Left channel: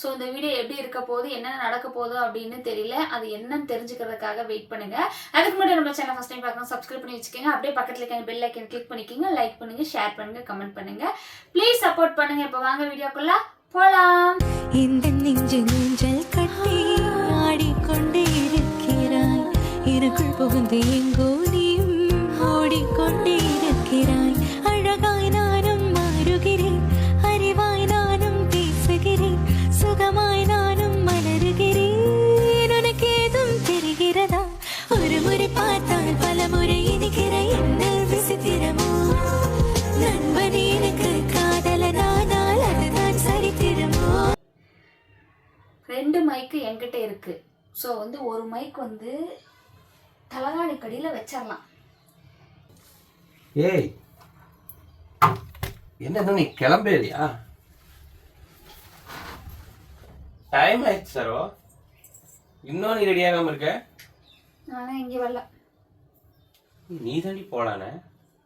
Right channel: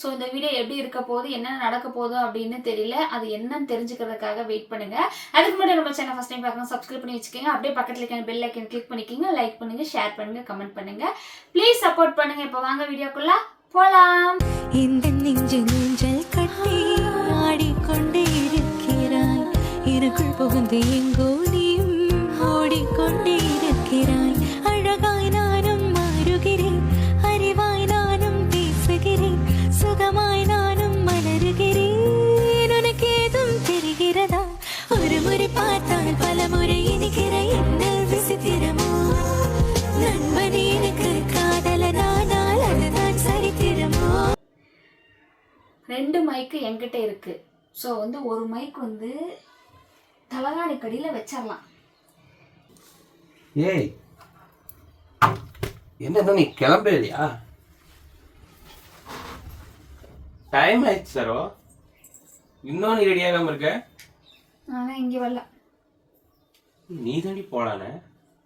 So இந்த video எப்படி இருக்க போகுது என்னென்ன நடக்க போகுது அப்படின்னு தெரியல. அது என்னன்னு தெரிஞ்சுக்கிறதுக்காக வெயிட் பண்ணுங்க. அதுக்கு முன்னாடி நம்ம சேனல் ஃபஸ்ட் டைம் பார்க்கணும் சப்ஸ்கிரைப் பண்ணி வச்சுக்கோங்க. அப்படியே பக்கத்தில் இருக்க பெல் ஐக்கன் கிளிக் பண்ணிக்கோங்க. லைக் பண்ணுங்க ஷேர் பண்ணுங்க கமெண்ட் பண்ணுங்க. ப்ளீஸ் சப்போர்ட் பண்ணுங்க. இப்போ வாங்க வீடியோக்குள்ள போலாம். இந்த நெஞ்சு நெஞ்சல் கட்டி ஆடிக்கொண்டே இருக்கிறாய். எனக்குள் புகுந்து எங்கோ நீயும் ஓடிக்கொண்டே இருக்கிறாய். அழகாய் நான் மைக்கு என்கிட்ட இருக்கு. ஸோ வந்து ஒரு மைக் வந்து தலகாணி கடியில் வச்சிடலாம் ஏய் என்ன நீ கிளம்பலையா? டைம் ஆயிடுச்சு சரோ இன்னும் நீ ரெடி ஆகாம இருக்க? நான்லாம் இங்கே வரல. நீ தாண்டி போலானே?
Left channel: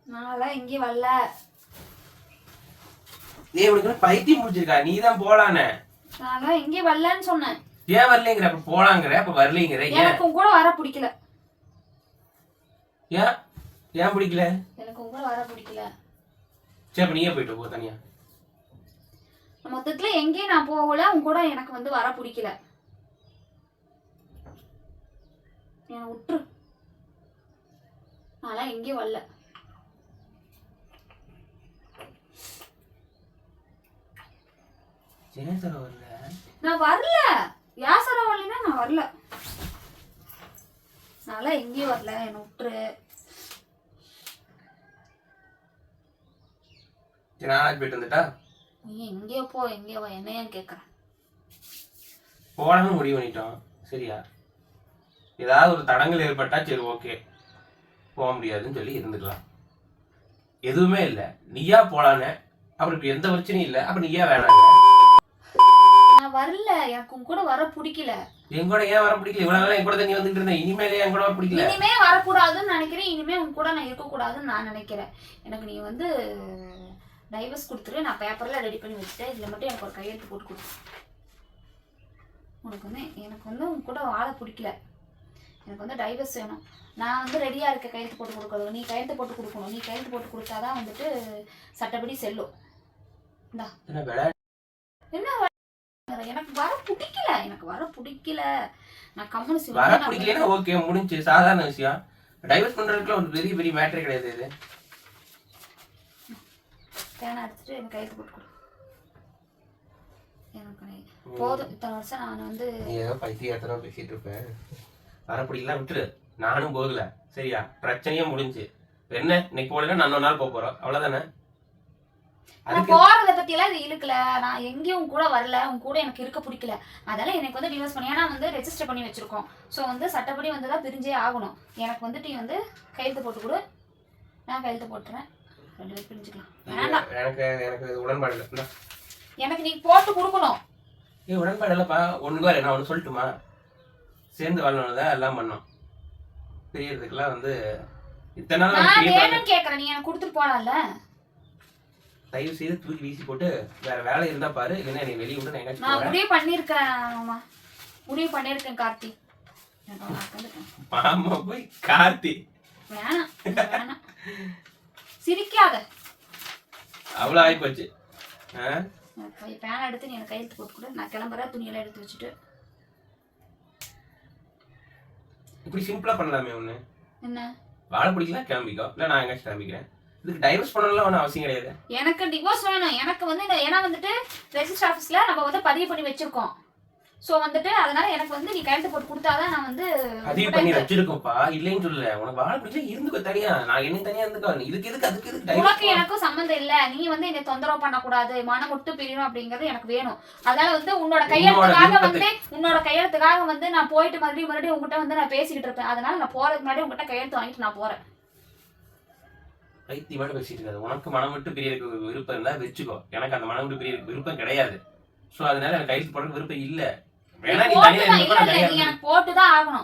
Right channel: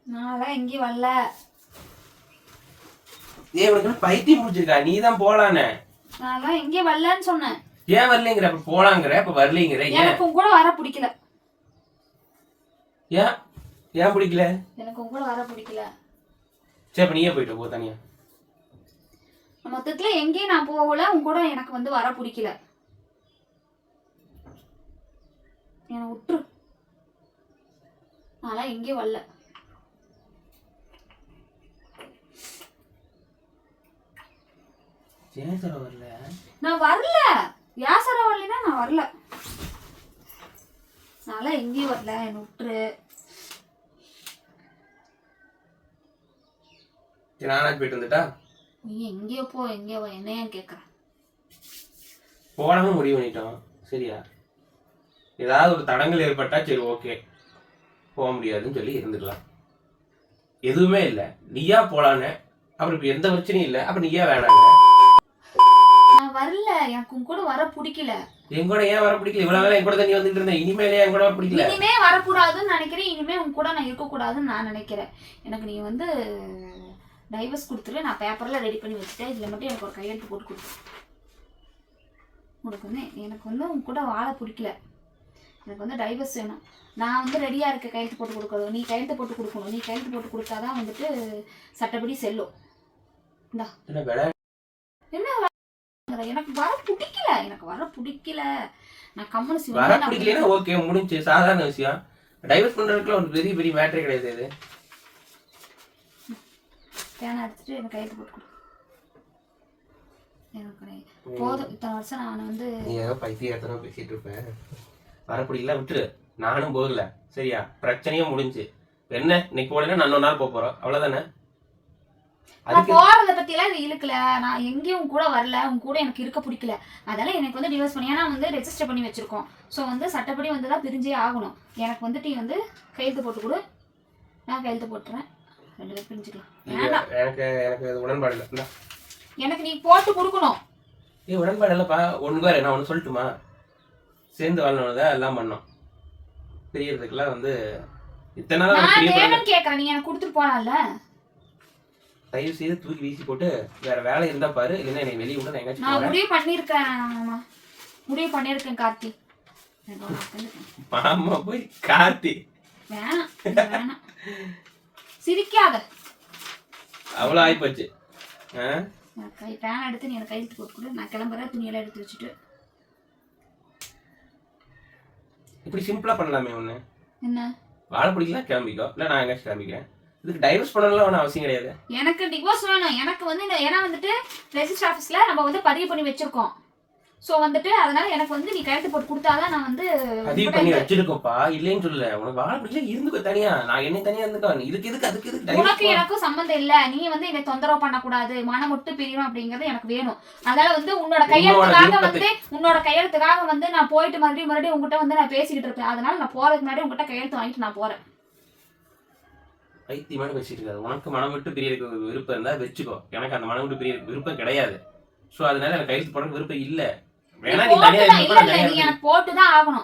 நான்லாம் இங்கே வரல. ஏய் உனக்கு பைத்தியம் முடிச்சிருக்கா நீ தான் போலானே? நான்லாம் இங்கே வரலன்னு சொன்னேன். ஏன் வரலைங்கிற? அப்ப போலாங்கிற? அப்ப வரலைங்கிற? ஏன்? எனக்கு உன் கூட வர பிடிக்கல. ஏன்? ஏன் பிடிக்கல? எனக்கு உன் கூட வர பிடிக்கல. சரி அப்ப நீயே போயிட்டு போ தனியா. மொத்தத்தில் எங்கேயும் நான் போகல. உன் கூட எனக்கு வந்து வர பிடிக்கல. என்னை விட்டுரு நான்லாம் எங்கேயும் வரல. ஏன் சரோ வரல? நான் வரல. யாசரம் வரலைன்னா நான் வரல. நான்லாம் எங்கேயும் வரல என்னை விட்டுரு. நானாச்சு போயிட்டு வந்துட்டா? நீ எங்கேயோ போ எங்கேயோ வா என்ன ஏன் கேட்குறேன் போலாம்னு முடிவு பண்ணிட்டோம். சரியா? ஏதாவது ஒரு தடங்கள் ஏற்பட்டா சரி ஓகே. போக முடியாதுன்னு சொல்லி இருந்துக்கலாம். எதுவுமே இல்லை. நீயா போலான்னு. அப்புறம் இப்போ எந்த பிரச்சனையும் இல்லை. அப்ப நீயா வேணாங்க நான் வரல. எனக்கு உன் கூட வர பிடிக்கல. என் கூட ஏன் வர பிடிக்கல? இவ்வளவு நாள் என் கூட நீ வந்துட்டு இருந்த. இனிமேலே என் கூட வர பிடிக்கல. இனிமே வரக்கூடாதுன்னு நினைக்கிறேன். இனிமே உன் கூட நான் இருக்கக்கூடாதுன்னு நான் நினைக்கிறேன். எனக்கு நீ வந்து டைவர்ஸ் கொடுத்துரு. நான் பேப்பர்ல ரெடி பண்ணி வச்சுட்டேன். இதுல மட்டும் எனக்கு ஒரு கையெழுத்து போட்டு கொடு. உனக்கு வந்து எனக்கு வந்து உன் கூட வாழ பிடிக்கல. எனக்கு வந்து டைவர்ஸ் வேணும். நான் வந்து ரெடியா இருக்க கையெழுத்து போட்டு கொடுக்கணும். நீ கையெழுத்து போட்டு கொடுக்கணும். நீ கையெழுத்து போட்டு கொடுத்தாதான் வந்துட்டு சட்டப்படி செல்லும். என்ன எனக்கு வர பிடிக்கல. எனக்கு வர பிடிக்கல. நான் கம்முனு வர சிவன் பிடிக்கலன்னா ஓகே முடிஞ்சு. சாதாரண விஷயம். டைவர்ஸ் பண்றதுக்குள்ள ஒரு பெரிய பெரிய மேட்டரே கிடையாது இது. பேனை எடுத்துட்டு எனக்கு கையெழுத்து போட்டு கொடு. எனக்கு போதும். இத்தனை வருஷம் நான் வந்து நீ ஏதோ பைத்தியத்தனமா பேசிட்டு இருப்பேன் வர பிடிக்கல விட்டுரு நானும் போகல. சரியா? பிரச்சனையும் முடிஞ்சு. என்ன? இன்னைக்கு போகலன்னா நான் இன்னொரு நாள் போக போறோம். அவ்வளவுதானே? நான் போறத பத்தி எல்லாம் இழுக்கல. நான் எங்கேயும் கூட வரல. உன் கூட எனக்கு இருக்க பிடிக்கல. அதெல்லாம் எனக்கு வந்து டிவோர்ஸ் பண்ணி ஏன்னா வந்து ரெஜிஸ்டர் பண்ணி வச்சிருக்கோம். ஸோ வந்து சட்டப்படி வந்து தான் பிரிஞ்சே ஆகணும். எனக்கு வந்துட்டு நீ வந்து கையெழுத்து போட்டு கொடு. நான் கையெழுத்து போட்டுறேன். ரெண்டு பேரும் பிரிஞ்சுக்கலாம். வேண்டாம் எனக்கு எனக்கு உடன்பாடு இல்லை. எனக்கு நீ போட்டு கொடுக்கணும். ஏய் உடன்பாடு இல்லைப்பா. ஒன்று பாரு நான் ஒன்று சொல்லட்டுமா? சேர்ந்து வாழணும் எல்லாம் பண்ணோம். பிரியறதுக்கெல்லாம் வந்து இத்தனை நாள் கேட்கறேன் நீ எனக்கு கொடுத்துட்டு போலாம்ல. தயவு செய்து தூக்கி வீசி போட்டு வேற வேலை இருந்தா பாரு இல்லைன்னா என்னை வெளியே விட நான் எங்கேயாச்சும் நான் போறேன். முடிவு பண்ணியிருக்கேன் ஆமா. முடிவு பண்ணியிருக்கேன் கார்த்தி. எனக்கு ஒரு. மாமா போய் கார்த்தி. வேணாம் வேணாம். சிரிக்காத. அவ்வளோ ஆயிப்போச்சு. ஆ? நான் கை பேன் எடுத்து நீ எனக்கு கையெழுத்து போட்டு கொடு. நான் கிளம்புறேன் துணியெல்லாம் எடுத்து வச்சுட்டு. இப்படி சிம்பிளா பண்ணலாமே ஒண்ணு. என்ன? வாழ பிடிக்கல கிளம்பிக்கோ. இல்லை நான் எங்கேயாச்சும் கிளம்பிக்கிறேன். இதுக்கு டைவர்ஸ் பண்ணலாம் ஒன்றும் அவசியம் கிடையாது. எனக்கு டிவோர்ஸ் வேணும். எனக்கு வந்து இந்த ஏன்னா வந்துட்டு ரெஜிஸ்டர் ஆஃபீஸில் நம்ம வந்து பதிவு பண்ணி வச்சிருக்கோம். ஸோ வந்துட்டு அதனால எனக்கு வந்து நீ கையெழுத்து போட்டு கொடுத்தாதான் நான் வந்து பதிவு பண்ணி வச்சிருக்கோம்ப்பா. இல்லைன்னு சொல்லல. உனக்கு வாழ பிடிக்கல இருந்துக்கோ தனியா. நான் என்ன தனியா இருந்துக்கோ. இதுக்கு எதுக்கு அதுக்கு எதுக்கு உனக்கு? எனக்கும் சம்மந்தம் இல்ல. நீ வந்து என்னை தொந்தரவு பண்ணக்கூடாது. மனம் விட்டு பிரியணும் அப்படிங்கறது எனக்கு வேணும். அதனால வந்து உன்னோட கையெழுத்துக்காக வந்து உன்னோட கையெழுத்துக்காக வந்து நான் போயிட்டு மறுபடியும் மறுபடியும் உங்ககிட்ட வந்து நான் பேசிக்கிட்டு இருப்பேன். அதனால நான் போறதுக்கு முன்னாடி உங்ககிட்ட கையெழுத்து வாங்கிட்டு நான் போறேன். பைத்தியமான பேசிட்டு இருக்காது உனக்கு மனம் விட்டு பிரியறதுக்கு விருப்பம் இருந்தா வச்சுக்கோ. எனக்கு அந்த மனம் விட்டு பிரிய விருப்பம் கிடையாது. ஸோ அதனால எனக்கு கையெழுத்து போட விருப்பம் இல்ல. வேணா நீ தனியா போட்டுதான் இருந்துக்கோ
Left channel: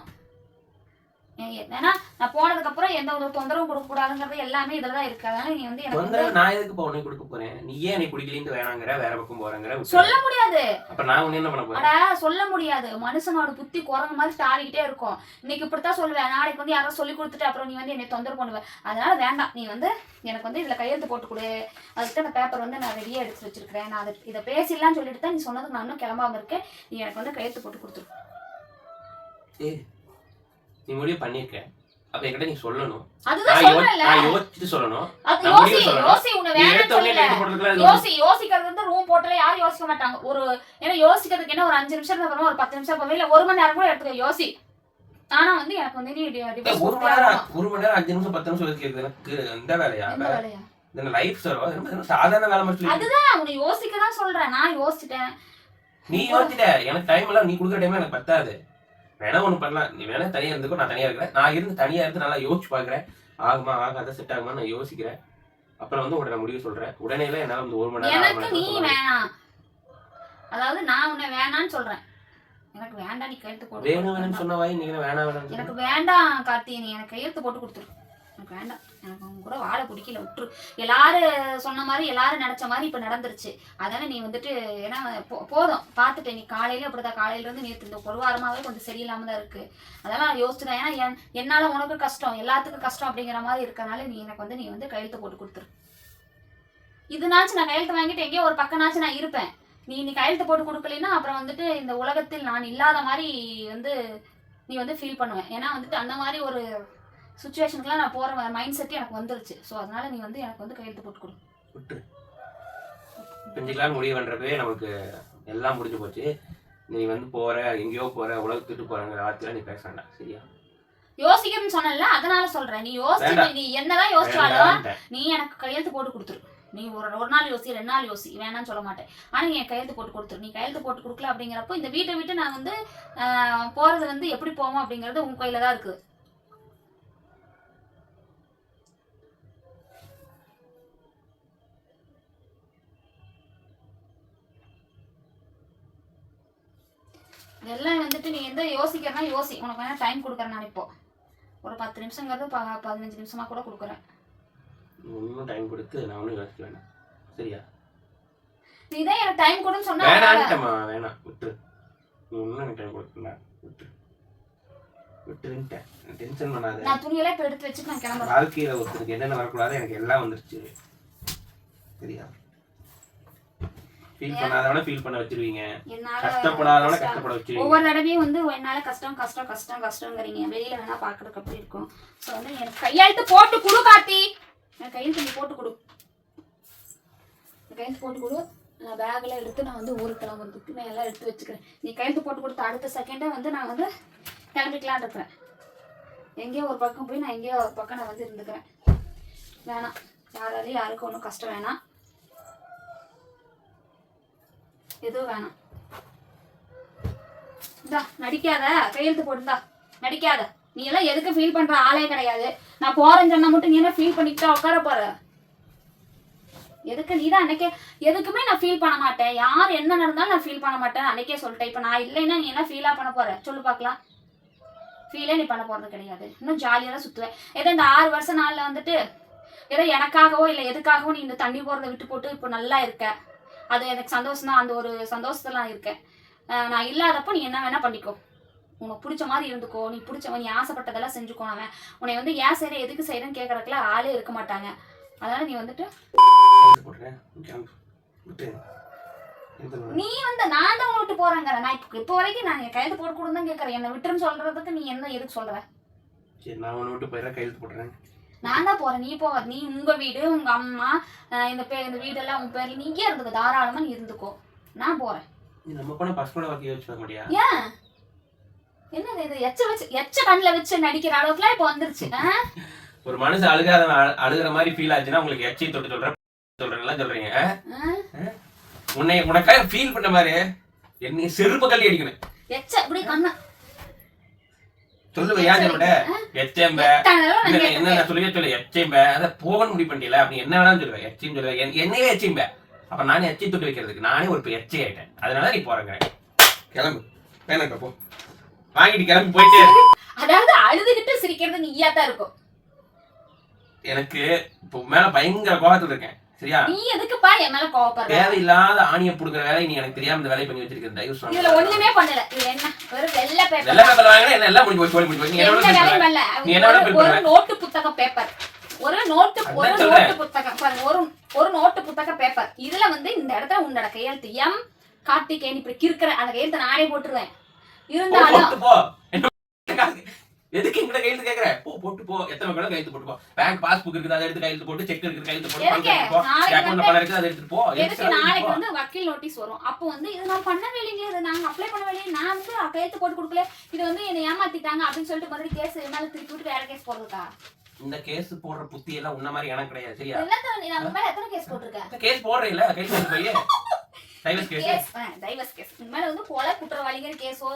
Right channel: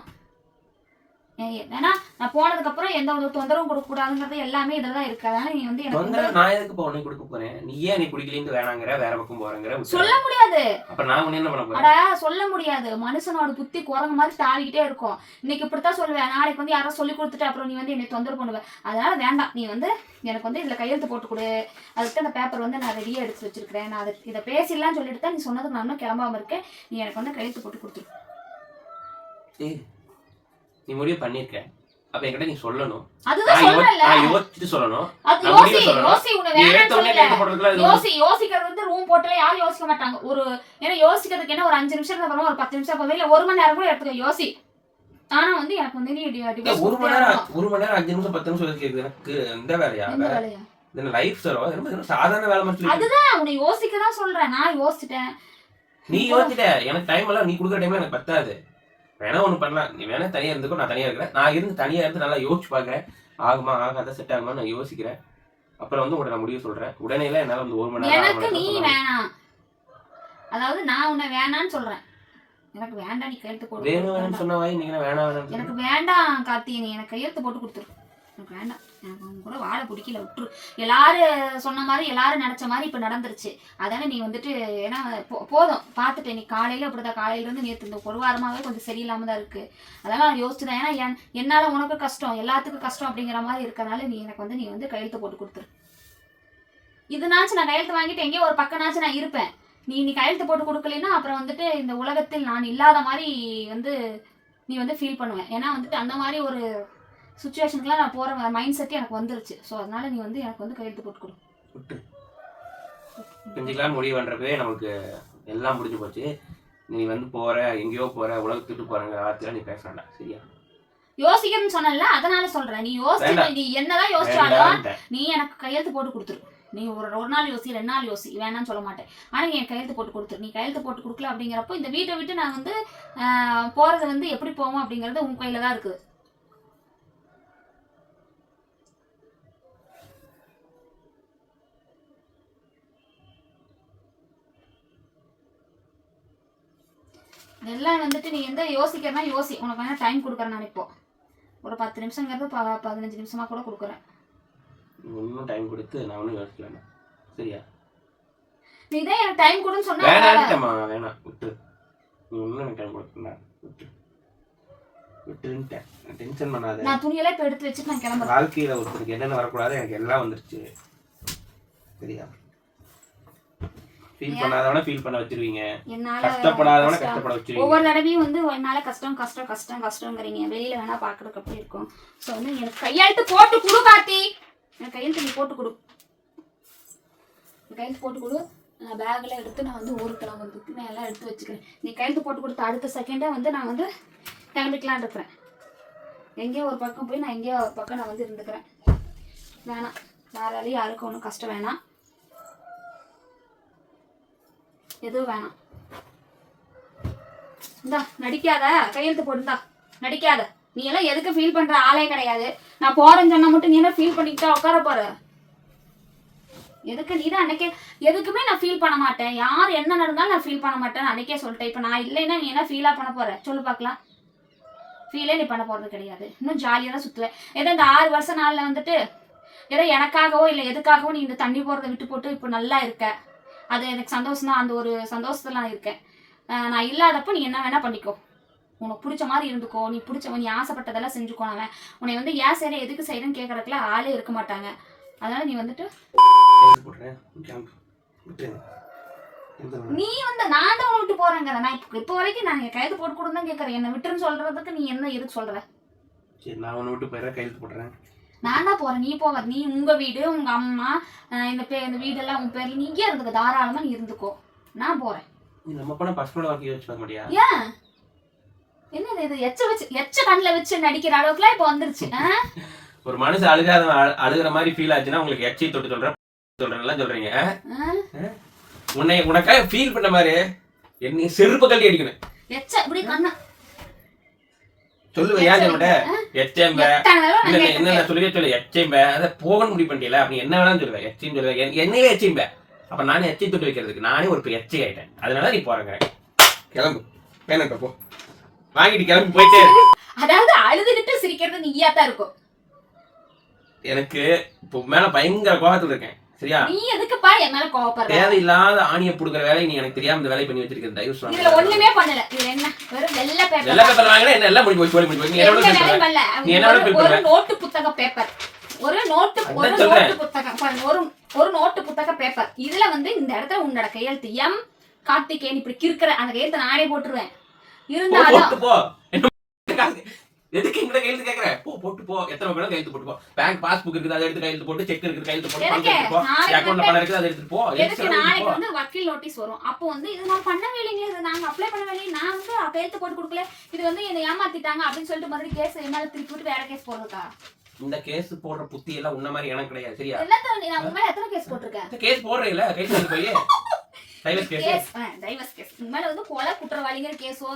ஏன்னா நான் போனதுக்கு அப்புறம் எந்த ஒரு தொந்தரவும் கொடுக்க கூடாதுங்கிறது எல்லாமே இதுல தான் இருக்கு. அதனால நீ வந்து தொந்தரவு நான் எதுக்கு இப்போ உனக்கு கொடுக்க போறேன்? நீ ஏன் எனக்கு பிடிக்கலின்னு வேணாங்கிற வேற பக்கம் போறேங்கிற. சொல்ல முடியாது. அப்ப நான் உன்னை என்ன பண்ண போறேன்? அட சொல்ல முடியாது. மனுஷனோட புத்தி குரங்கு மாதிரி தாவிக்கிட்டே இருக்கும். இன்னைக்கு இப்படித்தான் சொல்லுவேன். நாளைக்கு வந்து யாரோ சொல்லி கொடுத்துட்டு அப்புறம் நீ வந்து என்னை தொந்தரவு பண்ணுவ. அதனால வேண்டாம். நீ வந்து எனக்கு வந்து இதுல கையெழுத்து போட்டு கொடு. அதுக்கு அந்த பேப்பர் வந்து நான் ரெடியா எடுத்து வச்சிருக்கிறேன். நான் அதை இதை பேசிடலாம்னு சொல்லிட்டு தான் நீ சொன்னது நான் இன்னும் கிளம்பாம இருக்கேன். நீ எனக்கு வந்து கையெழுத்து போட்டு கொடுத்துரு. நீ முடிவு பண்ணிருக்க அப்ப என்கிட்ட நீ சொல்லணும். அதுதான் நான் யோசிச்சுட்டு சொல்லணும். நான் முடிவு சொல்லணும். நீ எடுத்த உடனே போடுறதுக்குலாம் யோசிக்கிறது வந்து ரூம் போட்டுல யாரும் யோசிக்க மாட்டாங்க. ஒரு ஏன்னா யோசிக்கிறதுக்கு என்ன ஒரு அஞ்சு நிமிஷம் அப்புறமா ஒரு பத்து நிமிஷம் போவே இல்ல ஒரு மணி நேரம் கூட எடுத்துக்க யோசி. ஆனா வந்து எனக்கு வந்து நீ ஒரு மணி நேரம். ஒரு மணி நேரம் அஞ்சு நிமிஷம் பத்து நிமிஷம் கேக்குது எனக்கு இந்த வேலையா? வேலையா? லைஃப் என்ன சாதாரண வேலை மட்டும் அதுதான் உன்னை யோசிக்க தான் சொல்றேன். நான் யோசிச்சிட்டேன். நீ யோசிச்சிட்ட எனக்கு டைம் எல்லாம் நீ கொடுக்குற டைம் எனக்கு பத்தாது. வேணா ஒண்ணு பண்ணலாம். நீ வேணா தனியா இருந்துக்கோ நான் தனியா இருக்கிறேன். நான் இருந்து தனியா இருந்து நல்லா யோசிச்சு பாக்குறேன். ஆகுமா ஆகாத செட் ஆகுமா நான் யோசிக்கிறேன். அப்புறம் வந்து உடனே முடிவு சொல்றேன். உடனே எல்லாம் என்னால வந்து ஒரு மணி நேரம் நீ. வேணாம். அதாவது நான் உன்னை வேணான்னு சொல்றேன். எனக்கு வேண்டாம் நீ கையெழுத்து போட்டு வேணும் சொன்ன வாய் நீங்க வேணாம் வேணாம் எனக்கு வேண்டாம் கார்த்தி. நீ எனக்கு கையெழுத்து போட்டு கொடுத்துரு. எனக்கு வேண்டாம். எனக்கு உங்க கூட வாழ பிடிக்கல விட்டுரு. எல்லாரும் சொன்ன மாதிரி எல்லாரும் நினச்ச மாதிரி இப்போ நடந்துருச்சு. அதானே நீ வந்துட்டு ஏன்னா போ- போதும். பார்த்துட்டேன். நீ காலையில அப்படிதான் காலையிலேருந்து நேற்று இந்த ஒரு வாரமாகவே கொஞ்சம் சரியில்லாம தான் இருக்கு. அதெல்லாம் நான் யோசிச்சுதான். ஏன்னா என்- என்னால் உனக்கு கஷ்டம் எல்லாத்துக்கும் கஷ்டம் அப்படிங்கிற மாதிரி இருக்கிறனால நீ எனக்கு வந்து நீ வந்து கையெழுத்து போட்டு கொடுத்துரு. இதுனாச்சும் நான் கையெழுத்து வாங்கிட்டு எங்கேயோ ஒரு பக்கம்னாச்சும் நான் இருப்பேன். நீ நீ கையெழுத்து போட்டு கொடுக்கலைன்னா அப்புறம் வந்துட்டு இந்த உலகத்தில் நான் இல்லாத மாதிரி வந்து நீ வந்து ஃபீல் பண்ணுவேன். ஏன்னா வந்துட்டு அந்த மாதிரி ஒரு சுச்சுவேஷனுக்குலாம் நான் போகிற மைண்ட் செட் எனக்கு வந்துருச்சு. ஸோ அதனால நீ வந்து எனக்கு வந்து கையெழுத்து போட்டு கொடு. விட்டு. செஞ்சுக்கலாம் முடிவு பண்றப்பவே நமக்கு எல்லாம் முடிஞ்சு போச்சு. நீ வந்து போற எங்கேயோ போற உலகத்துக்கு போறங்கிற வார்த்தையெல்லாம் நீ பேச வேண்டாம். சரியா? யோசிக்கணும்னு சொன்னல அதனால சொல்றேன். நீ யோசிச்சு. நீ என்னதான் யோசிச்சாலும். நீ எனக்கு கையெழுத்து போட்டு கொடுத்துரு. நீ ஒரு ஒரு நாள் யோசி ரெண்டு நாள் யோசி. வேணாம்னு சொல்ல மாட்டேன். ஆனா நீ எனக்கு கையெழுத்து போட்டு கொடுத்துரு. நீ கையெழுத்து போட்டு கொடுக்கல அப்படிங்கிறப்போ இந்த வீட்டை விட்டு நான் வந்து போறது வந்து எப்படி போவோம் அப்படிங்கிறது உன் கையில தான் இருக்குது இதெல்லாம் வந்துட்டு நீ எந்த யோசிக்கிறனா யோசி. உனக்கு வேணா டைம் கொடுக்குறேன் நான் இப்போ. ஒரு பத்து நிமிஷங்கிறது ப- பதினஞ்சு நிமிஷமா கூட கொடுக்குறேன். இன்னும் டைம் கொடுத்து நான் ஒன்றும் யோசிக்க வேண்டாம். சரியா? நீ தான் எனக்கு டைம் கொடுன்னு சொன்னா வேணான்ட்டேம்மா வேணாம் விட்டு நீ ஒன்றும் எனக்கு டைம் கொடுக்கல விட்டு விட்டுன்ட்டேன் டென்ஷன் பண்ணாத. நான் துணியெல்லாம் இப்போ எடுத்து வச்சுட்டு நான் கிளம்புறேன். வாழ்க்கையில ஒருத்தருக்கு என்னென்ன வரக்கூடாது எனக்கு எல்லாம் வந்துருச்சு. சரியா? ஃபீல் பண்ணாதவன ஃபீல் பண்ண வச்சிருவீங்க. என்னால கஷ்டப்படாதவன. கஷ்டப்பட வச்சிருவீங்க. ஒவ்வொரு தடவையும் வந்து என்னால கஷ்டம் கஷ்டம் கஷ்டம் கஷ்டங்கிறீங்க வெளியில வேணா பாக்குறதுக்கு அப்படி இருக்கும். ஸோ வந்து எனக்கு கையெழுத்து போட்டு கொடு கார்த்தி. எனக்கு கையெழுத்து நீ போட்டு கொடு. கையெழுத்து போட்டு கொடு. நான் பேக்கில் எடுத்து நான் வந்து ஊருக்கு கிளம்புறதுக்கு நான் எல்லாம் எடுத்து வச்சுக்கிறேன். நீ கையெழுத்து போட்டு கொடுத்த அடுத்த செகண்டே வந்து நான் வந்து கிளம்பிக்கலான் இருக்கிறேன். எங்கேயோ ஒரு பக்கம் போய் நான் எங்கேயோ ஒரு பக்கம் நான் வந்து இருந்துக்கிறேன். வேணாம். யாராலையும் யாருக்கும் ஒன்றும் கஷ்டம் வேணாம். எதுவும் வேணாம். இந்தா நடிக்காத. கையெழுத்து போட்டுந்தா நடிக்காத. நீ எல்லாம் எதுக்கு ஃபீல் பண்ற ஆளே கிடையாது. நான் போறேன்னு சொன்னா மட்டும் நீ என்ன ஃபீல் பண்ணிக்கிட்டா உட்கார போற? எதுக்கு நீ தான் அன்னைக்கே எதுக்குமே நான் ஃபீல் பண்ண மாட்டேன். யார் என்ன நடந்தாலும் நான் ஃபீல் பண்ண மாட்டேன் அன்னைக்கே சொல்லிட்டேன். இப்போ நான் இல்லைன்னா நீ என்ன ஃபீலாக பண்ண போற? சொல்லு பார்க்கலாம் ஃபீலே நீ பண்ண போறது கிடையாது. இன்னும் ஜாலியாக தான் சுற்றுவேன் ஏதோ இந்த ஆறு வருஷம் நாளில் வந்துட்டு ஏதோ எனக்காகவோ இல்லை எதுக்காகவோ நீ இந்த தண்ணி போகிறத விட்டு போட்டு இப்போ நல்லா இருக்க. அது எனக்கு சந்தோஷம் தான் அந்த ஒரு சந்தோஷத்துல நான் இருக்கேன் நான் இல்லாதப்போ நீ என்ன வேணா பண்ணிக்கோ. உனக்கு பிடிச்ச மாதிரி இருந்துக்கோ. நீ பிடிச்சவன் நீ ஆசைப்பட்டதெல்லாம் செஞ்சுக்கோ அவன். உன்னை வந்து ஏன் செய்யற எதுக்கு செய்யறேன்னு கேட்கறதுக்குலாம் ஆளே இருக்க மாட்டாங்க. அதனால நீ வந்துட்டு? நீ வந்து நான் தான் விட்டு போறேங்கிற நான் இப்போ இப்போ வரைக்கும் நான் கைது போட்டு கொடுன்னு தான் கேட்கறேன் என்னை விட்டுன்னு சொல்றதுக்கு நீ என்ன எதுக்கு சொல்ற? சரி நான் உன்னை விட்டு போயிடுறேன். கையெழுத்து போடுறேன் நான் தான் போறேன். நீ போவ. நீ உங்க வீடு உங்க அம்மா இந்த பே இந்த வீடெல்லாம் உன் பேர்ல நீ இங்கே இருந்துக்கோ. தாராளமா நீ இருந்துக்கோ. நான் போறேன். நீ நம்ம போன பசங்களோட வாழ்க்கையை வச்சு பார்க்க முடியா? ஏன்? என்னது இது? எச்ச வச்சு எச்ச கண்ணில் வச்சு நடிக்கிற அளவுக்குலாம் இப்போ வந்துருச்சு? ஒரு மனுஷன் அழுகாத அழுகிற மாதிரி ஃபீல் ஆச்சுன்னா உங்களுக்கு எச்சி தொட்டு சொல்றேன் சொல்றேன்லாம் சொல்றீங்க. ஆ? உன்னை உனக்காக ஃபீல் பண்ண மாதிரி என்னை செருப்பு கல்வி அடிக்கணும். எச்ச இப்படி கண்ணா சொல்லுவேன் ஏன் சொல்ல மாட்டேன் எச்சேம்ப. இல்ல என்ன கேட்டிருக்கேன். நான் சொல்லவே சொல்ல. எச்சேம்ப. அதை போகணும் முடிவு பண்ணிட்டல அப்படி என்ன வேணாலும் சொல்லுவேன் எச்சையும் சொல்லுவேன் என்- என்னையே எச்சையும்ப அப்ப நானே எச்சை தொட்டு வைக்கிறதுக்கு நானே ஒரு எச்சை ஆயிட்டேன். அதனால நீ போறேங்கிறேன் கிளம்பு. வேணாம் போ. வாங்கிட்டு கிளம்பி போயிட்டே. இரு. அதாவது அழுதுகிட்டு சிரிக்கிறது நீயா தான் இருக்கும். எனக்கு இப்போ மேல பயங்கர கோபத்துல இருக்கேன். சரியா? நீ எதுக்குப்பா என் மேல கோவப்படுற? தேவையில்லாத ஆணியை புடுக்கிற வேலையை நீ எனக்கு தெரியாம இந்த வேலையை பண்ணி வச்சிருக்க தயவு இதுல சொல்லுங்க ஒண்ணுமே பண்ணல. இதுல என்ன? வெறும் வெள்ளை வெள்ளை பேப்பர் பேப்பர் வாங்கினா என்ன? எல்லாம் முடிஞ்சு போய் சொல்லி முடிஞ்சு போய். நீ என்னோட எந்த பேசுற வேலையும் பண்ணல. நீ என்னோட ஒரு- பேப்பர் ஒரு நோட்டு புத்தக பேப்பர் ஒரு நோட்டு ஒரு. நோட்டு புத்தகம். பாருங்க, ஒரு ஒரு நோட்டு புத்தக பேப்பர் இதுல வந்து இந்த இடத்துல உன்னோட கையெழுத்து எம் கார்த்திகேயன் இப்படி கிறுக்கிற அந்த கையெழுத்தை நானே போட்டுருவேன். இருந்தாலும் போட்டு போ என்ன காசு? இங்க கையெழுத்து கேக்குற போ போட்டு போ. எத்தனை வேணா கையெழுத்து போட்டு போ. பேங்க் பாஸ்புக் இருக்குது அதை எடுத்து கையெழுத்து போட்டு செக் இருக்குது கையெழுத்து போட்டு? எடுத்து அக்கௌண்ட்ல பணம் இருக்குது அதை எடுத்துட்டு போ. எதுக்கு நாளைக்கு? வந்து வக்கீல் நோட்டீஸ் வரும். அப்போ வந்து இது நான் பண்ண வேலைங்க இது நாங்க அப்ளை பண்ண வேலையை. நான் வந்து கையெழுத்து போட்டு கொடுக்கல. இது வந்து என்னை ஏமாத்திட்டாங்க அப்படின்னு சொல்லிட்டு மறுபடியும் கேஸ் மேல திருப்பி விட்டு வேற கேஸ் போடுறதா? இந்த கேஸ் போடுற புத்தி எல்லாம் உன்ன மாதிரி எனக்கு கிடையாது சரியா? எல்லாத்தையும் நான் மேல எத்தனை கேஸ் போட்டிருக்கேன் கேஸ் போடுறீல கைஸ் எடுத்து போய். டைலஸ் கேஸ் டைவர்ஸ் கேஸ் மேல வந்து கொலை குற்றவாளிங்கிற கேஸோ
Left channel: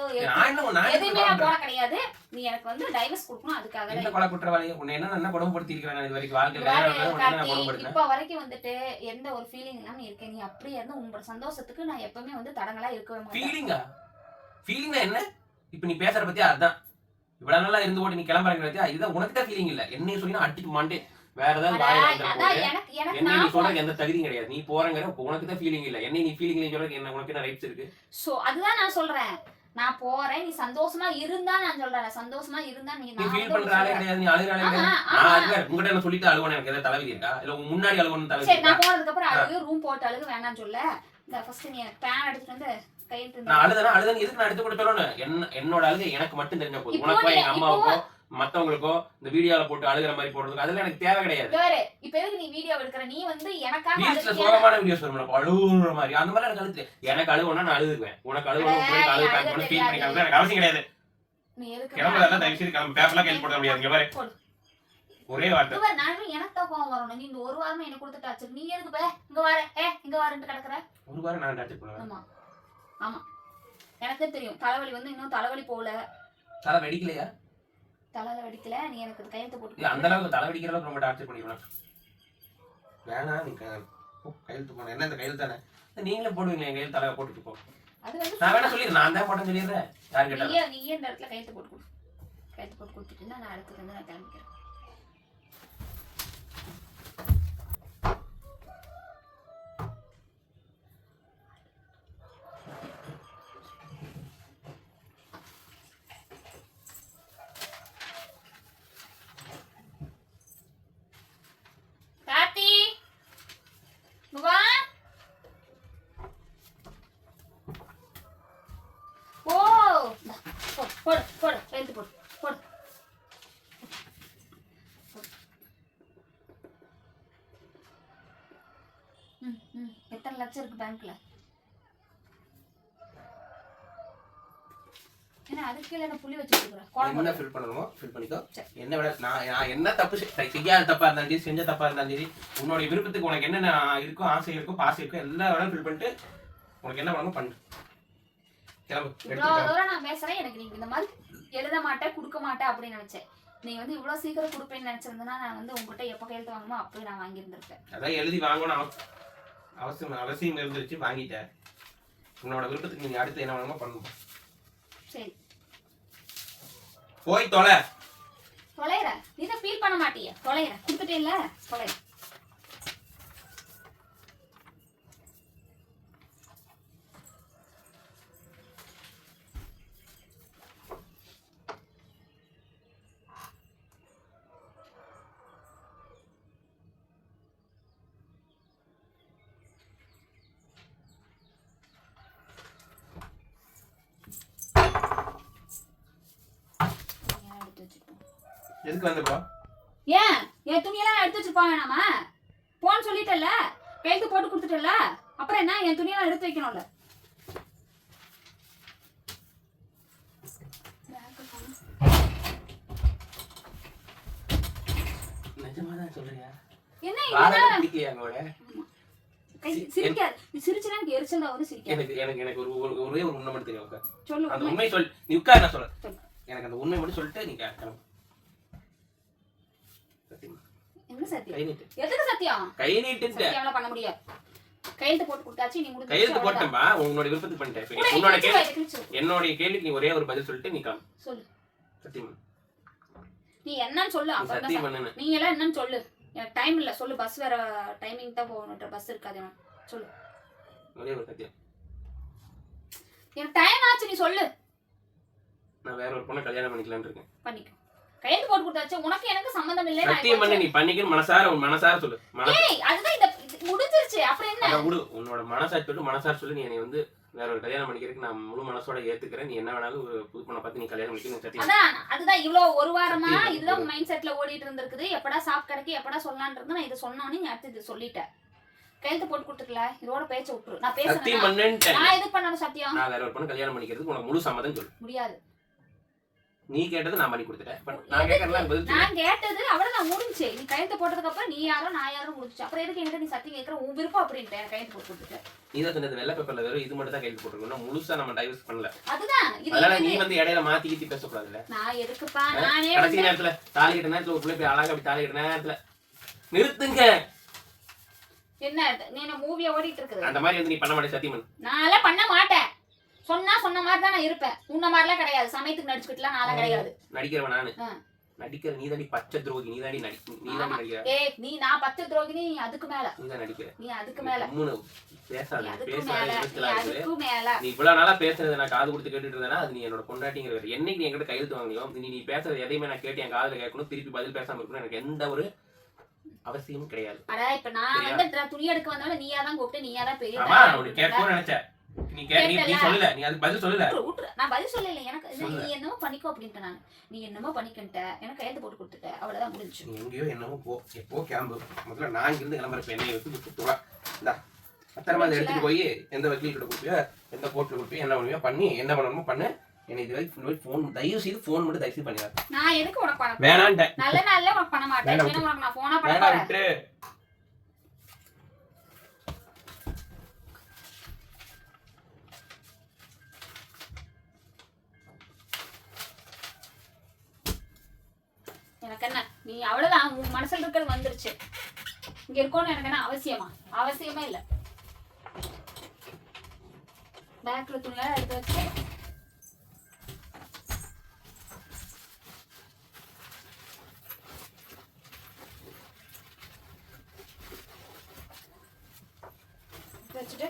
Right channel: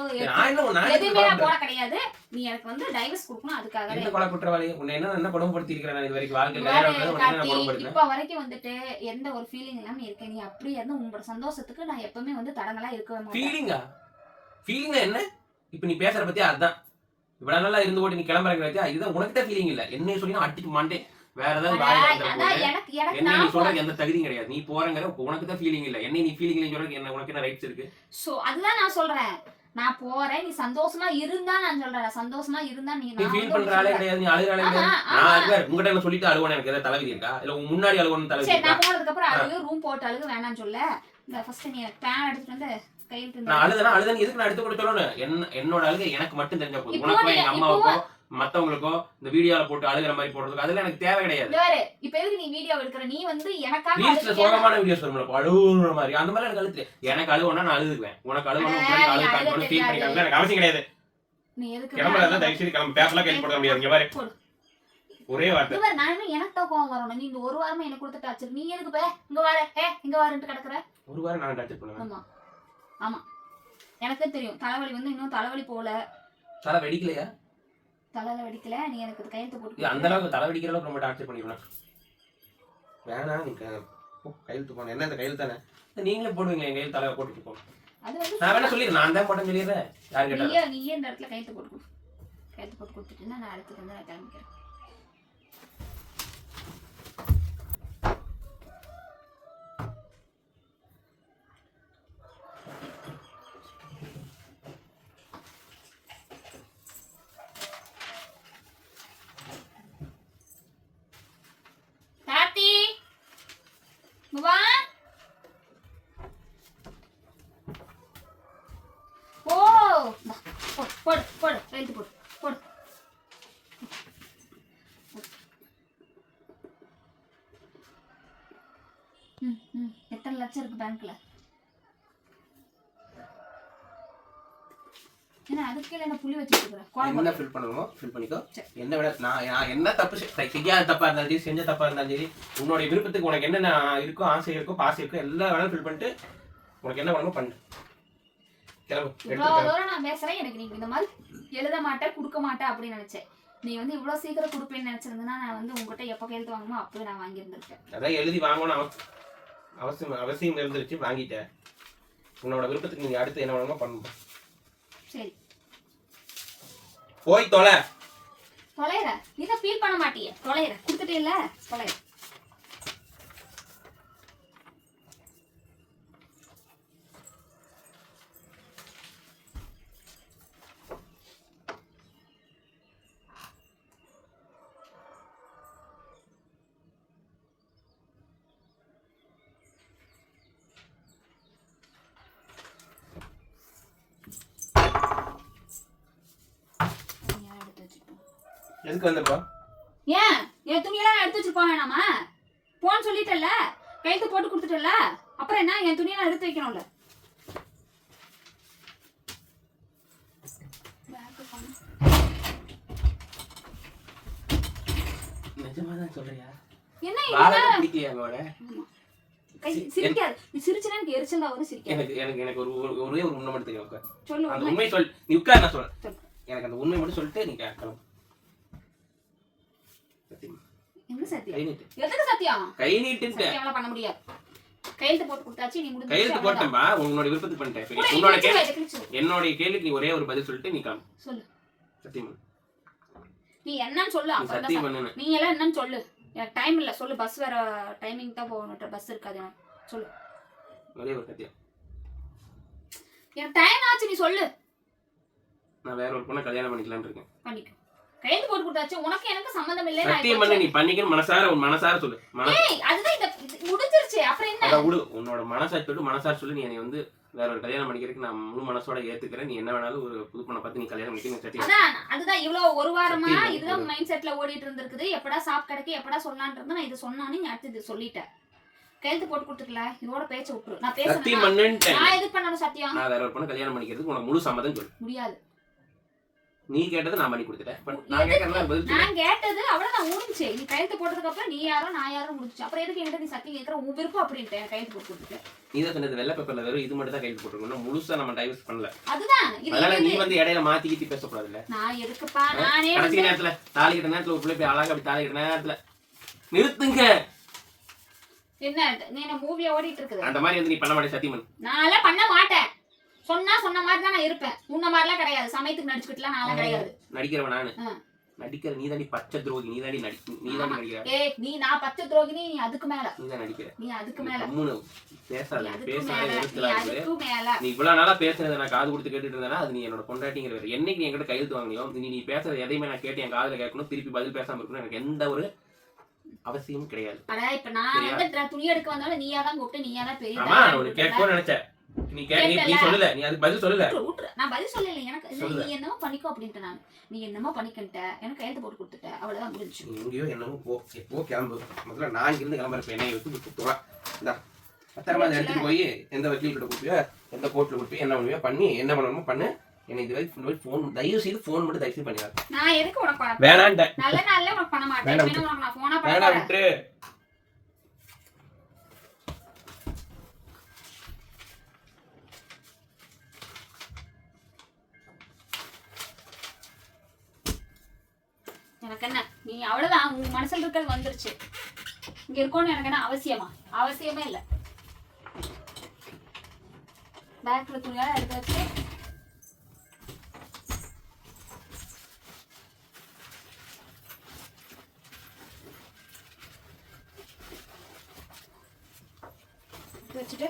எதுவுமே நான் கிடையாது. நீ எனக்கு வந்து டைவர்ஸ் கொடுக்கணும் அதுக்காக என்ன கொலை குற்றவாளி உன்னை என்ன என்ன கொடுமைப்படுத்தி இருக்கிறேன் நான் இது வரைக்கும்? வாழ்க்கையில இப்ப வரைக்கும் வந்துட்டு எந்த ஒரு ஃபீலிங் இல்லாம இருக்கேன் நீ அப்படியே இருந்து உங்களோட சந்தோஷத்துக்கு நான் எப்பவுமே வந்து தடங்களா மாட்டேன். ஃபீலிங்கா ஃபீலிங்னா என்ன? இப்போ நீ பேசுற பத்தி அதுதான் இவ்வளவு நாளா இருந்து போட்டு நீ கிளம்புறங்க இதுதான் உனக்கு தான் ஃபீலிங் இல்ல என்ன சொன்னீங்கன்னா அடிச்சு மாண்டே வேற ஏதாவது என்ன நீ நான் சொல்றதுக்கு எந்த தகுதியும் கிடையாது. நீ போறங்கிற உனக்கு தான் ஃபீலிங் இல்ல. என்ன நீ ஃபீலிங் சொல்றதுக்கு என்ன உனக்கு என்ன ரைட்ஸ் இருக்கு? சோ அதுதான் நான் சொல்றேன். நான் போறேன். நீ சந்தோஷமா இருந்தா நான் சொல்றேன். நான் சந்தோஷமா இருந்தா நீ நீ நான் ஃபீல் பண்ற ஆளே. கிடையாது. நீ ஆளே ஆமா, கிடையாது. நான் அதுல உங்ககிட்ட என்ன சொல்லிட்டு அழுவணும் எனக்கு ஏதாவது தலைவிதி இருக்கா? இல்ல உன் முன்னாடி அழுவணும் தலைவிதி சரி நான் போனதுக்கு அப்புறம் அழுகு ரூம் போட்டு அழுகு வேணாம்னு சொல்ல. இந்த ஃபர்ஸ்ட் நீ பேன் எடுத்துட்டு வந்து கையெழுத்து நான் அழுதனா அழுதன் எதுக்கு நான் எடுத்து கூட சொல்லணும் என்ன என்னோட அழுகை எனக்கு மட்டும் தெரிஞ்ச போதும். உனக்கோ எங்க இப்போ- மத்தவங்களுக்கோ இந்த வீடியோல போட்டு அழுகிற மாதிரி போடுறதுக்கு அதெல்லாம் எனக்கு தேவை கிடையாது. வேறு இப்ப எதுக்கு நீ வீடியோ எடுக்கிற? நீ வந்து எனக்காக அழுகிறியா? சோகமான வீடியோஸ் வரும் அழுகுற மாதிரி. அந்த மாதிரி எனக்கு அழுத்து எனக்கு அழுகுனா நான் அழுதுக்குவேன். உனக்கு அழுகணும் உனக்கு ஃபீல். காமிக்க எனக்கு அவசியம் கிடையாது. நீ எதுக்கு கிளம்புறதெல்லாம் தயவு செய்து கிளம்பு. பேப்பர்லாம் கையில் போட முடியாது. இங்க பாரு. போடு. ஒரே வார்த்தை. நான் எனக்கு தான் கோவம் வரணும். நீ ஒரு வாரமா என்ன கொடுத்துட்டாச்சு நீ எதுக்கு பே? இங்க வர ஏ இங்க வரன்ட்டு கிடக்குற? ஒரு வாரம் நான் டார்ச்சர் பண்ணுவேன். ஆமா. ஆமா. எனக்கே தெரியும். தலைவலி வந்து இன்னும் தலைவலி போகல. தலை வெடிக்கலையா? தலையில வெடிக்கல நீ எனக்கு கையெழுத்து போட்டு அந்த அளவுக்கு தலை வெடிக்கிற அளவுக்கு ரொம்ப டார்ச்சர் பண்ணிடுவேன் வேணாம் நீ கையெழுத்து போன என்ன இந்த கையெழுத்து தானே? நீங்களே போடுவீங்க என் கையில் தலையை போட்டுட்டு போ. அது வந்து நான் வேணா சொல்லிடுறேன். நான் தான் போட்டேன்னு சொல்லிடுறேன். யாரு கேட்டாலும். நீயே நீயே இந்த இடத்துல கையெழுத்து போட்டு கொடு. கையெழுத்து போட்டு கொடுத்துட்டுன்னா நான் அடுத்து வந்து நான் கிளம்பிக்கிறேன் கார்த்தி இங்க வா ஓ இந்தா, போடு போடு போடு எழுத்து போடு போடு ம் ம் எத்தனை லட்சம் இருக்கு பேங்க்ல என்ன அதுக்கு இருக்கிறேன் என்ன ஃபில் பண்ணணுமோ ஃபில் பண்ணிக்கோ. என்ன விட நான் நான் என்ன தப்பு செய்- செய்- செய்யாத தப்பா இருந்தாலும் சரி செஞ்ச தப்பா இருந்தாலும் சரி உன்னுடைய விருப்பத்துக்கு உனக்கு என்னென்ன இருக்கோ ஆசை இருக்கோ பாசை இருக்கோ எல்லா வேணாலும் ஃபில் பண்ணிட்டு உனக்கு என்ன வேணுமோ பண்ணு. கிளம்பு நான் பேசுறேன் எனக்கு நீங்க இந்த மாதிரி எழுத மாட்டேன் கொடுக்க மாட்டேன் அப்படின்னு நினைச்சேன். நீ வந்து இவ்வளோ சீக்கிரம் கொடுப்பேன்னு நினைச்சிருந்தனா நான் வந்து உங்ககிட்ட எப்போ கையெழுத்து வாங்குமோ அப்பவே நான் வாங்கியிருந்திருப்பேன். அதான் எழுதி வாங்கணும். அவசியம் அவசியம் இருந்துருச்சு வாங்கிட்டேன். உன்னோட விருப்பத்துக்கு நீங்க அடுத்து என்ன வேணுமோ பண்ணுங்க. சரி. போய் தொலை. தொலைற. நீ தான் ஃபீல் பண்ண மாட்டியே. தொலைற. கொடுத்துட்டே இல்ல தொலைற எடுத்து வச்சுப்போம் எதுக்கு வந்தப்போ? ஏன்? என் துணியெல்லாம் எடுத்து வச்சுட்டு போக வேணாமா? போன்னு சொல்லிட்டல கைத்து போட்டு கொடுத்துட்டல அப்புறம் என்ன? என் துணியெல்லாம் எடுத்து வைக்கணும்ல. நிஜமா தான் சொல்றியா? என்ன சிரிக்காது. சிரிச்சுனா எனக்கு எரிச்சல் தான் சிரிக்காது. எனக்கு எனக்கு எனக்கு ஒரு ஒரு- ஒரே உண்மை மட்டும் தெரியும். சொல்லு அந்த உண்மை. சொல் நீ உட்கார் நான் சொல்றேன். சொல்லு. எனக்கு அந்த உண்மை மட்டும் சொல்லிட்டு நீ கிளம்பு சத்தியமா என்ன சத்தியம்? கை நீட்டு. எதுக்கு சத்தியம்? கை நீட்டுன்ட்டு. சத்தியம்லாம் பண்ண முடியாது. கையெழுத்து போட்டு கொடுத்தாச்சு நீ முடிஞ்சு கையெழுத்து போட்டேன்பா. உன்னோட விருப்பத்துக்கு பண்ணிட்டேன். இப்ப உன்னோட கேள்வி. என்னுடைய கேள்விக்கு நீ ஒரே ஒரு பதில் சொல்லிட்டு நீ சொல்லு. சத்தியம் பண்ணு. நீ என்னன்னு சொல்லு சத்தியம் பண்ணுன்னு. நீ எல்லாம் என்னன்னு சொல்லு. எனக்கு டைம் இல்ல சொல்லு. பஸ் வேற டைமிங் தான் போகணும் பஸ் இருக்காது சொல்லு. ஒரே ஒரு சத்தியம். எனக்கு டைம் ஆச்சு நீ சொல்லு. நான் வேற ஒரு பொண்ணை கல்யாணம் பண்ணிக்கலாம்னு இருக்கேன். பண்ணிக்கோ. கையெழுத்து போட்டு கொடுத்தாச்சு. உனக்கு எனக்கு சம்மந்தம் இல்லை சத்தியம் பண்ணு நீ பண்ணிக்கணும். மனசார உன் மனசார சொல்லு. ஏய் அதுதான் இந்த இது முடிஞ்சிருச்சு. அப்புறம் என்ன? அதை விடு. உன்னோட மனசாட்சி சொல்லிட்டு மனசார சொல்லி. நீ என்னை வந்து வேற ஒரு கல்யாணம் பண்ணிக்கிறதுக்கு நான் முழு மனசோட ஏத்துக்கிறேன். நீ என்ன வேணாலும் ஒரு புது பொண்ணை பார்த்து நீ கல்யாணம் பண்ணிக்க நீ சத்தியம் அதான் அதுதான் இவ்வளவு ஒரு வாரமா. இதுதான் மைண்ட் செட்ல ஓடிட்டு இருந்திருக்குது. எப்படா சாப் கிடைக்கு எப்படா சொல்லலான்றது நான் இது சொன்னோன்னே நீ அடுத்து சொல்லிட்டேன். கையெழுத்து போட்டு கொடுத்துக்கல. இதோட பேச்ச விட்டுரு. நான் பேசுறேன் நான் எது பண்ணணும் சத்தியம்? நான் வேற ஒரு பொண்ணு கல்யாணம் பண்ணிக்கிறதுக்கு உனக்கு முழு சம்மதம் சொல்லு. முடியாது. நீ கேட்டது நான் பண்ணி கொடுத்துட்டேன். நான் கேட்கறதுலாம் பதில் நான் கேட்டது அவ்வளவுதான் முடிஞ்சு நீ கையெழுத்து போட்டதுக்கு அப்புறம் நீ யாரோ நான் யாரோ முடிச்சு அப்புறம் எதுக்கு என்கிட்ட நீ சத்தியம் கேட்கற? உன் விருப்பம் அப்படின்ட்டு கையெழுத்து போட்டு கொடுத்துட்டேன் நீ தான் சொன்னது வெள்ளை பேப்பர்ல வெறும் இது மட்டும் தான் கையில் போட்டுருக்கணும். முழுசா நம்ம டைவர்ஸ் பண்ணல. அதுதான். அதனால நீ? வந்து இடையில மாத்தி கீத்தி பேசக்கூடாதுல்ல. நான் எதுக்குப்பா? நானே கடைசி நேரத்துல தாலி கட்ட நேரத்துல ஒரு பிள்ளை போய் அழகா அப்படி தாலி கட்ட நேரத்துல நிறுத்துங்க. என்ன நீ என்ன மூவியா ஓடிட்டு இருக்குது? அந்த மாதிரி வந்து நீ பண்ண மாட்டே சத்தியம் பண்ணு நான்லாம் பண்ண மாட்டேன். சொன்னா சொன்ன மாதிரி தான் நான் இருப்பேன். உன்ன மாதிரிலாம் கிடையாது. சமயத்துக்கு நடிச்சுக்கிட்டுலாம் நான்லாம் கிடையாது. நடிக்கிறவன் நானு. நடிக்கிற நீ தாண்டி பச்சை துரோகி நீ தாண்டி நடி நீ தாண்டி நடிக்கிற. ஏய் நீ நான் பத்து துரோகினி நீ அதுக்கு மேல. நீ தான் நடிக்கிற. நீ அதுக்கு மேல. நீ பேசாத. பேசாத அதுக்கு மேல. நீ இவ்வளவு நாளா பேசுனதை நான் காது கொடுத்து கேட்டுட்டு அது நீ என்னோட பொண்டாட்டிங்கிற என்னைக்கு நீ என்கிட்ட கையெழுத்து வாங்கினியோ நீ நீ பேசுறது எதையுமே நான் கேட்டு என் காதுல கேட்கணும். திருப்பி பதில் பேசாம இருக்கணும் எனக்கு எந்த ஒரு அவசியமும் கிடையாது. இப்ப நான்? வந்து துணி எடுக்க வந்தாலும் நீயா தான் கூப்பிட்டு நீயா தான் பெரிய நினைச்சேன். நீ நீ. சொல்லல. நீ அதுக்கு பதில் சொல்லல. நான் பதில் சொல்லல. எனக்கு. நீ என்னமோ பண்ணிக்கோ அப்படின்ட்டு நான். நீ என்னமோ பண்ணிக்கிட்ட எனக்கு கையெழுத்து போட்டு கொடுத்துட்ட. அவ்வளவுதான் முடிஞ்சு எங்கேயோ என்னமோ போ எப்போ கிளம்பு. முதல்ல நான் இங்கிருந்து கிளம்புறப்ப என்னை விட்டு போவா இந்தா. பத்திரமா இதை எடுத்துட்டு போய் எந்த வக்கீல் கிட்ட கொடுப்பியோ எந்த கோர்ட்ல கொடுப்பியோ என்ன பண்ணுவியோ பண்ணி என்ன பண்ணணுமோ பண்ணு. இது வரைக்கும் ஃபோன் தயவு செய்து ஃபோன் மட்டும் தயவு செய்து நான் எதுக்கு உனக்கு பண்ண வேணான்ட்டேன். நல்ல நாள்ல உனக்கு பண்ண மாட்டேன். நான் பண்ண எனக்கு என்ன? நீ அவ்வளவுதான் உன் மனசுல இருக்கிறது வந்துருச்சு. இங்க இருக்கணும்னு எனக்கு என்ன அவசியமா? அவசியமே இல்ல. பேக்ல துணியெல்லாம் எடுத்து வச்சு எடுத்து வச்சுட்டு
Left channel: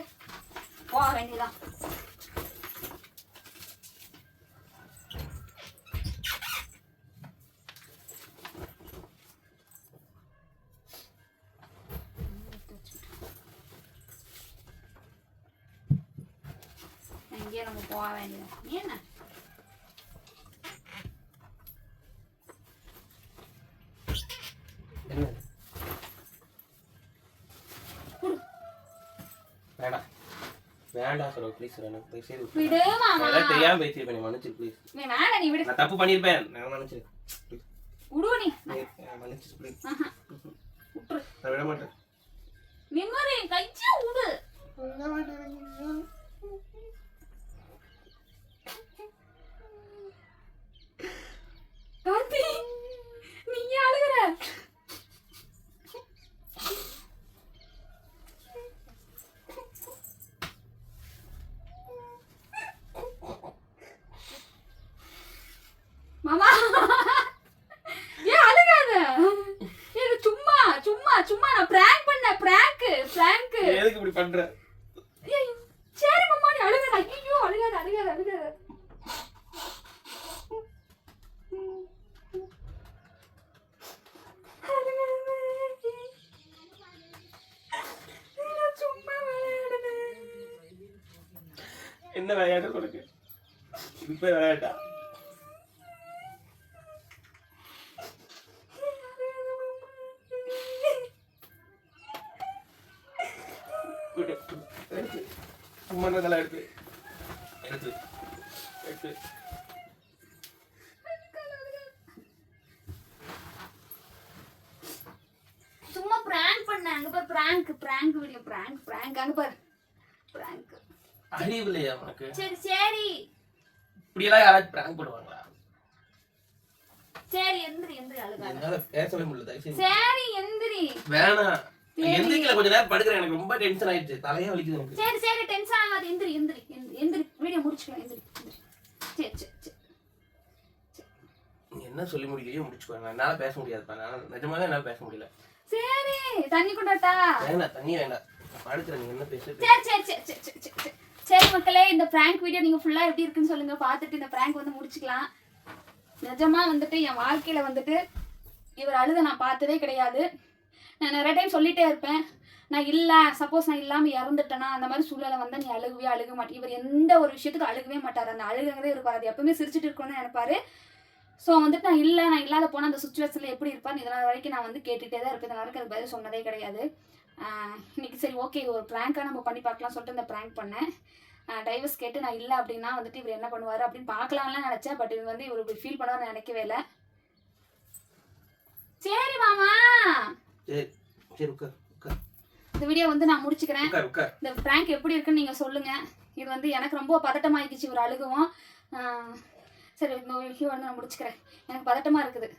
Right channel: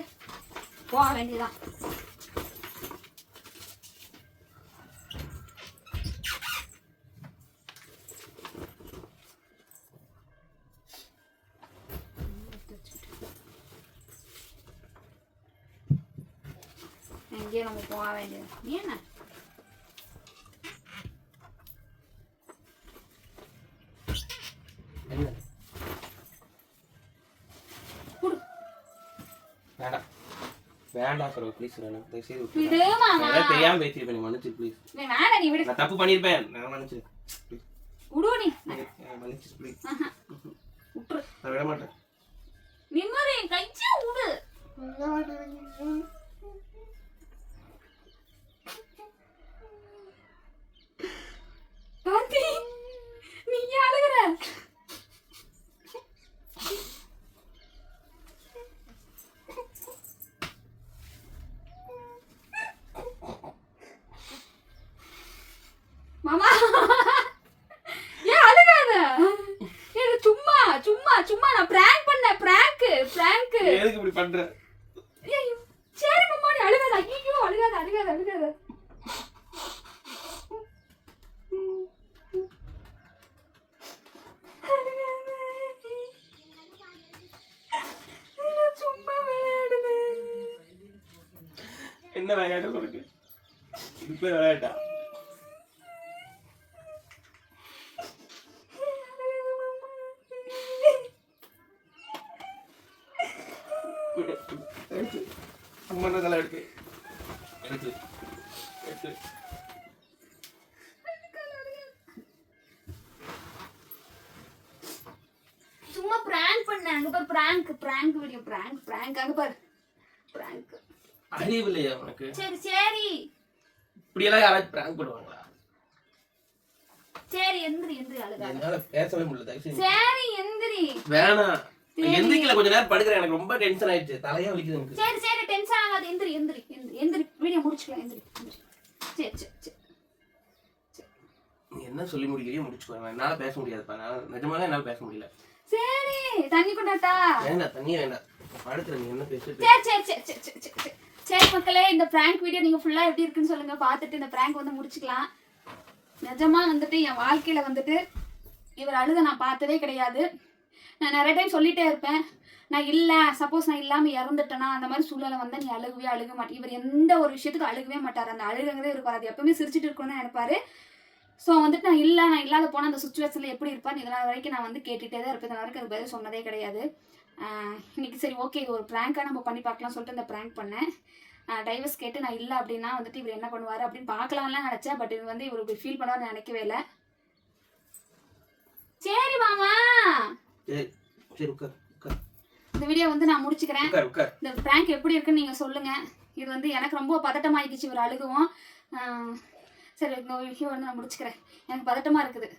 போக வேண்டியதான் எங்கேயும் நம்ம போக வேண்டியது குடு வேண்டாம் வேண்டாம் சொல்ல ப்ளீஸ் வேணாம் தயவு செய்து விட்டு. விடு மாமா ஏதாவது தெரியாம பேசிருப்பேன் நீ மன்னிச்சு ப்ளீஸ் நீ வேணாம் நீ விடு நான் தப்பு பண்ணிருப்பேன் நான் மன்னிச்சு விடுவ நீ மன்னிச்சு ப்ளீஸ் விட்டுரு நான் விட மாட்டேன் நிம்மதி கஞ்சி விடு கார்த்தி நீ ஏன் அழுகுற மாமா ஏன் அழுகாத ஏய், சும்மா சும்மா சும்மா நான் பிராங்க் பண்ண பிராங்க் பிராங்க் நீ எதுக்கு இப்படி பண்ற சரி மாமா நீ அழுகாத ஐயோ அழுகாத அழுகாத அழுகாத நான் சும்மா விளையாடுனேன். என்ன விளையாட்டு உனக்கு இது பேர் விளையாட்டா விடு, விடு. எடுத்து சும்மா நல்லா எடுத்து எடுத்து எடுத்து சும்மா பிராங்க் பண்ணேன் அங்க பாரு prank prank video prank prank அங்க பாரு பிராங்க் அறிவு உனக்கு சரி சரி. இப்படியெல்லாம் யாராச்சும் பிராங்க் பண்ணுவாங்களா? சரி எந்திரி எந்திரி அழுகாத. பேசவே முடியல தயவு சரி எந்திரி. வேணாம். எந்திரிக்கல கொஞ்ச நேரம் படுக்கிறேன். எனக்கு ரொம்ப டென்ஷன் ஆயிடுச்சு. தலையே வலிக்குது எனக்கு. சரி சரி டென்ஷன் ஆகாது. எந்திரி எந்திரி எந்திரி. வீடியோ முடிச்சுக்கலாம். எந்திரி சரி சரி சரி. நீ என்ன சொல்லி முடியலையோ முடிச்சுக்கோ. என்னால பேச முடியாதுப்பா. நான் நிஜமாவே என்னால பேச முடியல. சரி தண்ணி கொண்டாட்டா? வேண்டாம் தண்ணி வேண்டாம் படுக்கிறேன் நீ என்ன பேச சரி சரி சரி சரி சரி. சரி மக்களே இந்த பிராங்க் வீடியோ நீங்கள் ஃபுல்லாக எப்படி இருக்குன்னு சொல்லுங்கள் பார்த்துட்டு இந்த ப்ராங்க் வந்து முடிச்சுக்கலாம். நிஜமாக வந்துட்டு என் வாழ்க்கையில் வந்துட்டு இவர் அழுத நான் பார்த்ததே கிடையாது. நான் நிறைய டைம் சொல்லிட்டே இருப்பேன். நான் இல்லை சப்போஸ் நான் இல்லாமல் இறந்துட்டேனா அந்த மாதிரி சூழ்நிலை வந்தால் நீ அழுகவே அழுக மாட்டேன் இவர் எந்த ஒரு விஷயத்துக்கு அழுகவே மாட்டார். அந்த அழுகங்கிறதே இருப்பார் அது எப்பவுமே சிரிச்சிட்டு இருக்கணும்னு நினைப்பாரு. ஸோ வந்துட்டு நான் இல்லை நான் இல்லாத போனால் அந்த சுச்சுவேஷனில் எப்படி இருப்பான்னு இதனால் வரைக்கும் நான் வந்து கேட்டுகிட்டே தான் இருப்பேன். இதனால் வரைக்கும் அது பதில் சொன்னதே கிடையாது. ஆஹ் இன்னைக்கு சரி ஓகே ஒரு ப்ராங்காக நம்ம பண்ணி பார்க்கலாம் சொல்லிட்டு இந்த ப்ராங்க் பண்ணேன். டைவர்ஸ் கேட்டு நான் இல்லை அப்படின்னா வந்துட்டு இவர் என்ன பண்ணுவார் அப்படின்னு பார்க்கலாம்லாம் நினச்சேன் பட் இது வந்து இவர் ஃபீல் பண்ணுவார்னு நினைக்கவே இல்லை. சரி மாமா. இந்த வீடியோ வந்து நான் முடிச்சுக்கிறேன். இந்த ப்ராங்க் எப்படி இருக்குன்னு நீங்கள் சொல்லுங்கள் இது வந்து எனக்கு ரொம்ப பதட்டமாயிடுச்சு இவர் அழுகவும். சரி இந்த வீடியோ வந்து நான் முடிச்சுக்கிறேன். எனக்கு பதட்டமாக இருக்குது.